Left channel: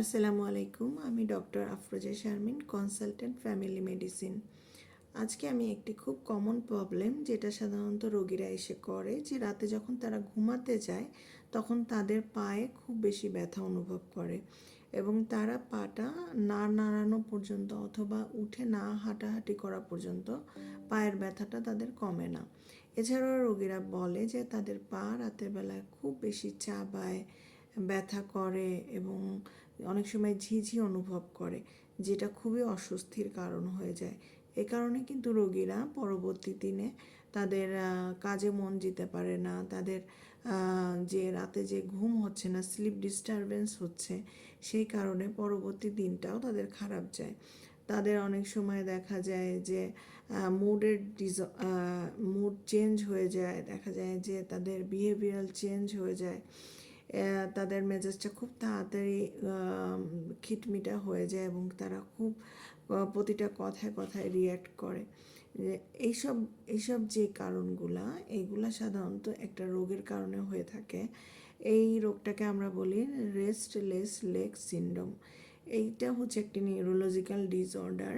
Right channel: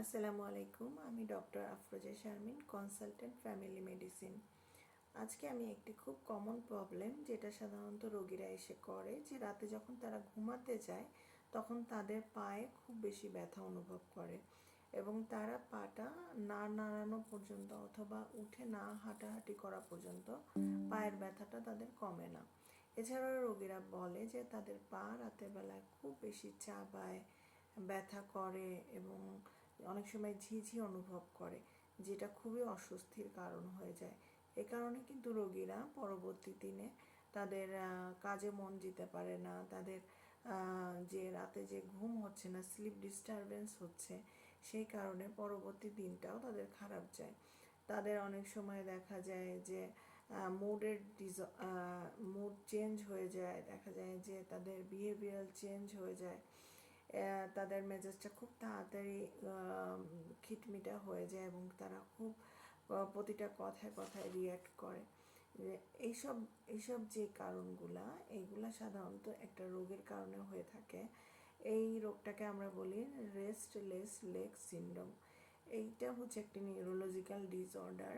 আসসালামু আলাইকুম। আমি doctor Afroza Sharmin, consultant family medicine. আজকে আমি একটি খুব কমন প্রবলেম, যেটা সাধারণত রোগীরা এসে করে, যে রাতে যখন তারা ঘুমাতে যায় তখন তাদের পায়ে খুব বেশি ব্যথা অনুভব করে এবং তারা পাটা না নাড়ানো পর্যন্ত অথবা উঠে না হাঁটাহাঁটি করা পর্যন্ত পায়ের ব্যথাটা তাদের কমে না। এছাড়াও রোগীরা বলে যে তাদের পা রাতের বেলায় খুব বেশি চাবায়, ব্যথা করে এবং অনেক সময় ঝিঝি অনুভব করে, যেটা খুবই অস্বস্তির কারণ হয়ে যায়। এ কারণে কিন্তু রোগীরা পরবর্তী দিনে তাদের কাজে মন দিতে পারে না, তাদের যে রাতে যে ঘুম হচ্ছে না, স্লিপ ডিস্টারবেন্স হচ্ছে, সেই কারণে পরবর্তী দিনটাও তাদের খারাপ যায়। তাদের অনেক সময় দেখা যায় যে মুড চেঞ্জ হয়ে যায়, দেখা যায় যে তাদের বিহেভিয়ারাল চেঞ্জ হয়ে যায়, তাদের মেজাজটা খুব তাড়াতাড়ি খিটমিটা হয়ে যায় এবং তারা খুব প্রতিটা কথায় কথায় রিয়্যাক্ট করে। এইসব এইসব যে কারণগুলা, এইগুলা সাধারণত একটা রোগের কারণে হয়ে থাকে। এই রোগটাকে আমরা বলি রেস্টলেস লেগ সিনড্রোম। এইটা হচ্ছে একটি নিউরোলজিক্যাল ডিসঅর্ডার,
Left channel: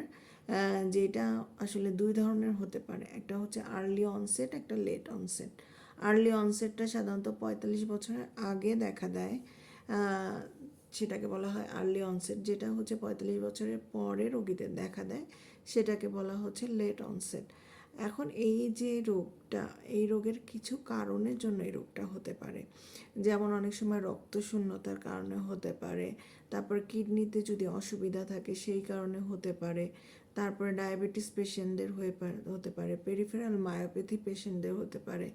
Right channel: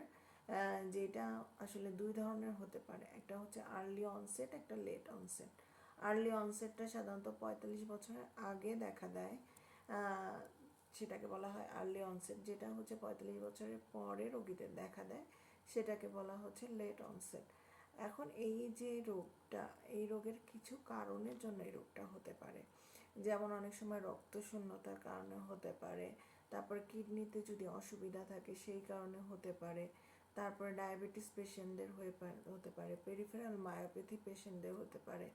যেটা আসলে দুই ধরনের হতে পারে। একটা হচ্ছে আর্লি অনসেট, একটা লেট অনসেট। আর্লি অনসেটটা সাধারণত 45 বছরের আগে দেখা দেয়, সেটাকে বলা হয় আর্লি অনসেট। যেটা হচ্ছে 45 বছরের পরে রোগীদের দেখা দেয়, সেটাকে বলা হচ্ছে লেট অনসেট। এখন এই যে রোগটা, এই রোগের কিছু কারণের জন্য এই রোগটা হতে পারে। যেমন অনেক সময় রক্তশূন্যতার কারণে হতে পারে, তারপর কিডনিতে যদি অসুবিধা থাকে সেই কারণে হতে পারে, তারপরে ডায়াবেটিস পেশেন্টদের হতে পারে, পেরিফেরাল মায়োপ্যাথি পেশেন্টদের হতে পারে।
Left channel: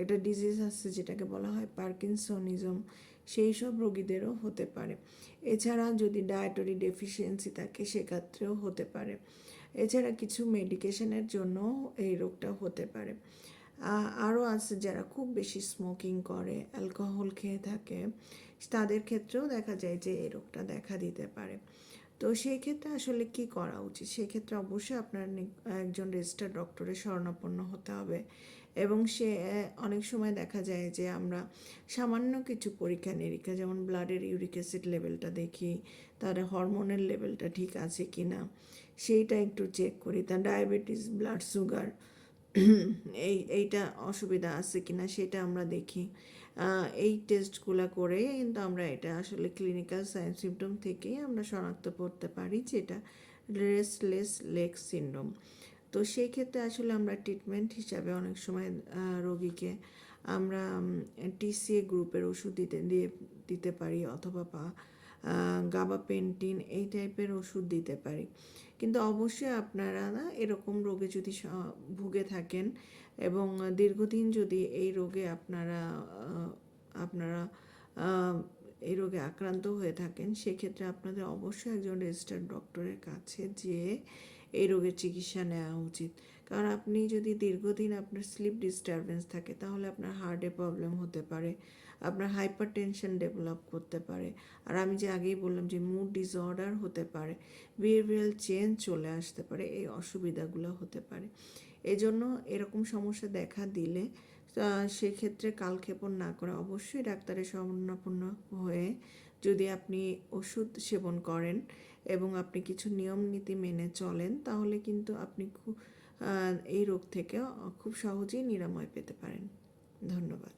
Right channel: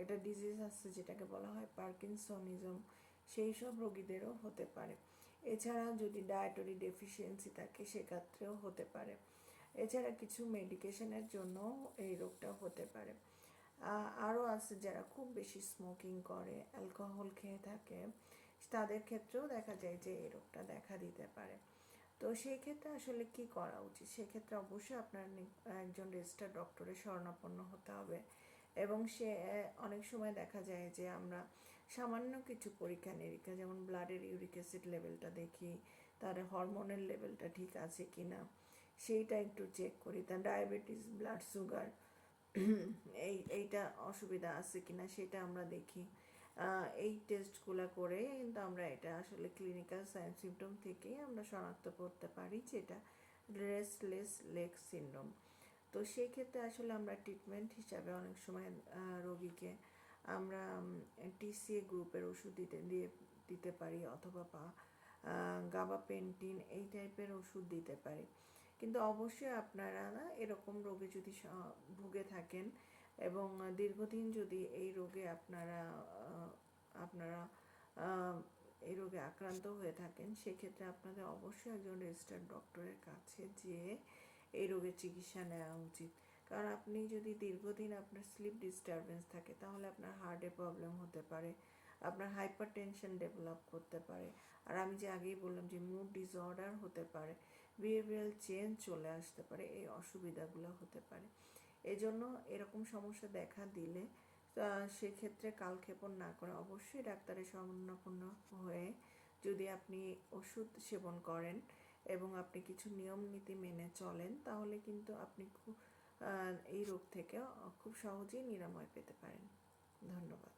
একটা ডিজিজ আছে যেটাকে বলা হয় পার্কিনসনিজম, সেই সব রোগীদেরও হতে পারে। এছাড়া যদি ডায়েটরি ডেফিসিয়েন্সি থাকে সেক্ষেত্রেও হতে পারে। এছাড়া কিছু মেডিকেশনের জন্য এই রোগটা হতে পারে। আরও আছে যারা খুব বেশি স্মোকিং করে, অ্যালকোহল খেয়ে থাকে, তাদের ক্ষেত্রেও দেখা যায় যে এই রোগটা দেখা দিতে পারে। তো সেই ক্ষেত্রে আসলে কি করা উচিত? সেই ক্ষেত্রে অবশ্যই আপনার একজন রেজিস্টার্ড ডক্টরের শরণাপন্ন হতে হবে এবং সে অনেক সময় দেখা যায় যে আমরা সামান্য কিছু পরীক্ষা নিরীক্ষা, যেমন ব্লাডের ইউরিক অ্যাসিড লেভেলটা দেখি, তার হরমোনের লেভেলটা ঠিক আছে কি না সেইটা একটু চেক করি, তার ডায়াবেটিস, ব্লাড সুগার এইটা অসুবিধা আছে কিনা সেটা আমরা দেখি। এই টেস্টগুলো করে কিন্তু আমরা এটা আসলে ক্লিনিক্যাল সাইন সিমটম থেকেই আমরা শনাক্ত করতে পারি যে এটা রেস্টলেস লেগ সিনড্রোম। তো সেই ক্ষেত্রে আসলে আমরা ট্রিটমেন্ট হিসাবে অনেক সময় রোগীকে আমরা টিসিএ গ্রুপের ওষুধ দিতে পারি, অথবা গাবাপেন্টিন এই টাইপের ওষুধ দিতে পারি। কিন্তু অবশ্যই আপনারা এরকম রোগে যদি ভুগে থাকেন এবং দীর্ঘদিন যদি এই রোগে আপনারা এই রোগে আক্রান্ত হয়ে থাকেন, সেক্ষেত্রে আপনাদের অবশ্যই একজন রেজিস্টার্ড ডক্টরের কাছে যেয়ে এই রোগের চিকিৎসা নেওয়া উচিত। কারণ আপনি যদি দীর্ঘদিন আপনার স্লিপ ডিস্টারবেন্স থাকে, তাহলে আপনার হার্টে প্রবলেম হতে পারে, আপনার হাইপার টেনশন ডেভেলপ করতে পারে, আর আমি যে আগেই বললাম যে মুড ডিসঅর্ডার হতে পারে, বিহেভিয়ারাল চেঞ্জ চলে আসতে পারে, এই অসুবিধাগুলো হতে পারে। এজন্য এরকম সমস্যা দেখা দিলে সেক্ষেত্রে কালক্ষেপণ না করে অবশ্যই ডাক্তারের শরণাপন্ন হয়ে যদি আপনি ওষুধ সেবন করেন এবং আপনি কিছু নিয়ম নীতি মেনে চলেন, তাহলে কিন্তু আপনি এই রোগ থেকে খুব সহজেই নিরাময় পেতে পারেন। ধন্যবাদ।